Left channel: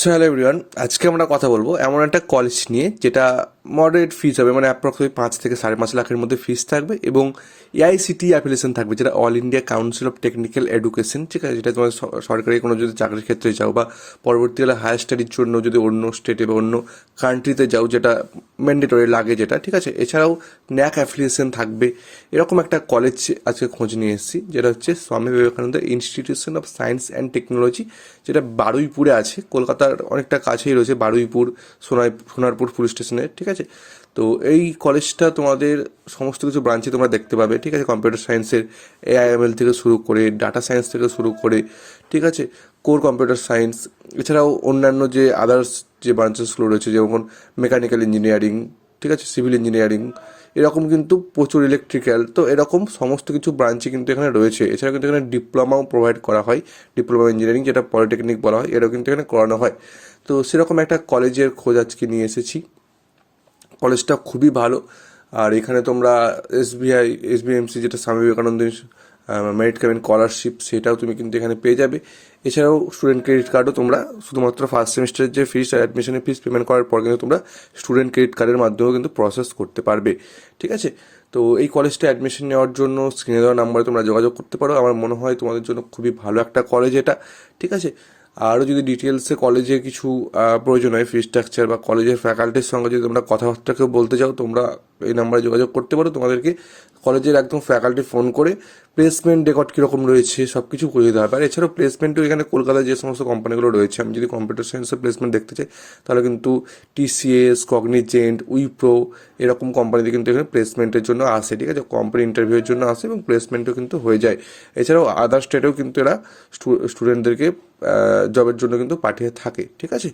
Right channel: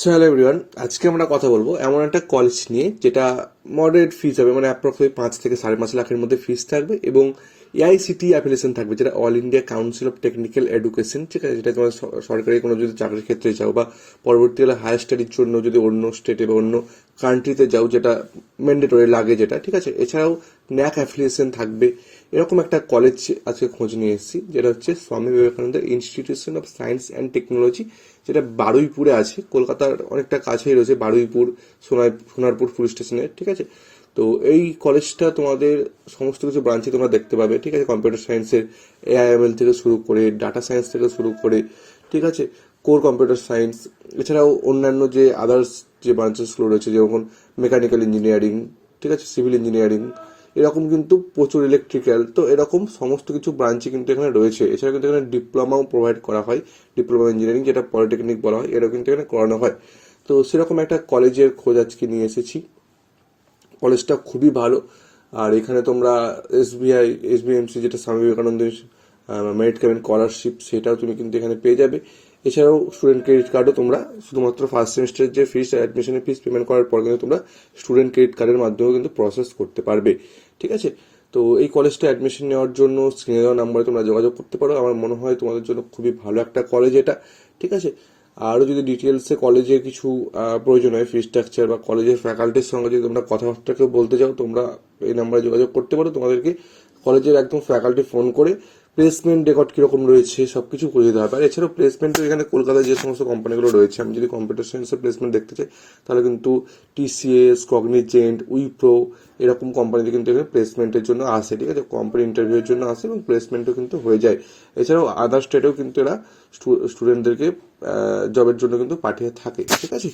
So hello everyone, আজকে আমরা কথা বলবো এমন একটা কলেজ নিয়ে যেটা মডারেট ফিস হবে, মানে অ্যাপ্রক্সিমেট 5 থেকে 5.5 লাখের মধ্যে ফিস থাকবে এবং এআইসিটি অ্যাফিলিয়েশন থাকবে, যেটা all India council of technical education, ঠিক আছে। যেটা তোমার সরকারি কোনো যদি চাকরির ক্ষেত্রে যাও বা পরবর্তীকালে হায়ার স্টাডির জন্য যদি অন্য স্টেটে বা অন্য কান্ট্রিতে যাও, যেটা ম্যান্ডেটরি লাগে, যেটা ঠিক আছে। এছাড়াও ন্যাক অ্যাফিলিয়েশন থাকবে। এরকম একটা কলেজ আজকে খোঁজ নিয়ে এসেছি, যেটা হচ্ছে Swami Vivekananda institution of science and technology, যেটা বারুইপুরে আছে, কলকাতার অনেকটা কাছেই রয়েছে বারুইপুর, সোনারপুর পুলিশ স্টেশনের, ঠিক আছে। তো এই কলেজটা তোমাদের সমস্ত কিছু ব্রাঞ্চে তোমরা দেখতে পাবে, ঠিক আছে। কম্পিউটার সায়েন্সের এআইএমএল থেকে শুরু করে ডাটা সায়েন্স থেকে শুরু করে, ঠিক আছে, কোর কম্পিউটার সায়েন্স, এছাড়াও অন্যান্য যে আদার্স যে ব্রাঞ্চেসগুলো রয়েছে, যেমন মেকানিক্যাল ইঞ্জিনিয়ারিং, ঠিক আছে, সিভিল ইঞ্জিনিয়ারিং, এরকম কিন্তু প্রচুর ইলেকট্রিক্যাল, তো এরকম সমস্ত কিছু ব্রাঞ্চে কিন্তু এখানে রয়েছে। এছাড়া কিন্তু এখানে ডিপ্লোমাও প্রোভাইড করা হয়, ডিপ্লোমা ইঞ্জিনিয়ারিং, যেটা পলিটেকনিক বলা হয়, এটাও কিন্তু এখানে করানো হয়। তো সেরকম একটা কলেজের খোঁজ আজকে নিয়ে এসেছি। কলেজটা খুবই ভালো। আর এখানে তোমরা এসবিএমসি, যেটা স্বামী বিবেকানন্দের মেরিট কামিং স্কলারশিপ, সেটাও তুমি কিন্তু এখানে পেয়ে যাবে। এছাড়াও স্টুডেন্ট ক্রেডিট কার্ডও তোমরা শুধুমাত্র ফার্স্ট সেমিস্টারের যে ফিস আর অ্যাডমিশনের ফিস পেমেন্ট করার পর কিন্তু তোমরা স্টুডেন্ট ক্রেডিট কার্ডের মাধ্যমেও কিন্তু প্রসেস করতে পারবে, ঠিক আছে। তো এই কলেজটা অ্যাডমিশন নেওয়ার জন্য স্ক্রিনে দেওয়া নাম্বারে তোমরা যোগাযোগ করতে পারো। আমার মনে হয় তোমাদের জন্য খুবই ভালো একটা কলেজ এটা, ঠিক আছে। আরও যদি ডিটেলসে কলেজে কিছু প্রয়োজন হয়, ফি স্ট্রাকচার বা কলেজের ফ্যাকাল্টির সঙ্গে যদি তোমরা কথাবার্তা কেউ বলতে চাও, তোমরা এই নাম্বারে যোগাযোগ করতে পারো। তোমাদেরকে কলেজের একদম ফ্যাকাল্টি ফোন করে প্লেসমেন্ট রেকর্ড কীরকম রয়েছে সব কিছু করে দিতে হবে। আর এছাড়াও প্লেসমেন্টও এখানে কলকাতায় যে সমস্ত কোম্পানিগুলো রয়েছে, আমি যদি কম্পিউটার সায়েন্সের প্লেসমেন্ট দেখতে চাই, তাহলে কিন্তু টিসিএস, কগনিজেন্ট, উইপ্রো, এরকম কোম্পানিতে কিন্তু এখানে প্লেসমেন্টের জন্য আসে, ঠিক আছে। কোম্পানি ইন্টারভিউয়ের জন্য আসে এবং প্লেসমেন্টও কিন্তু হয়ে যায়। এছাড়াও আদার স্টেটেও কিন্তু এরা স্টুডেন্টদেরকে জবের জন্য কিন্তু পাঠিয়ে থাকে, ঠিক আছে।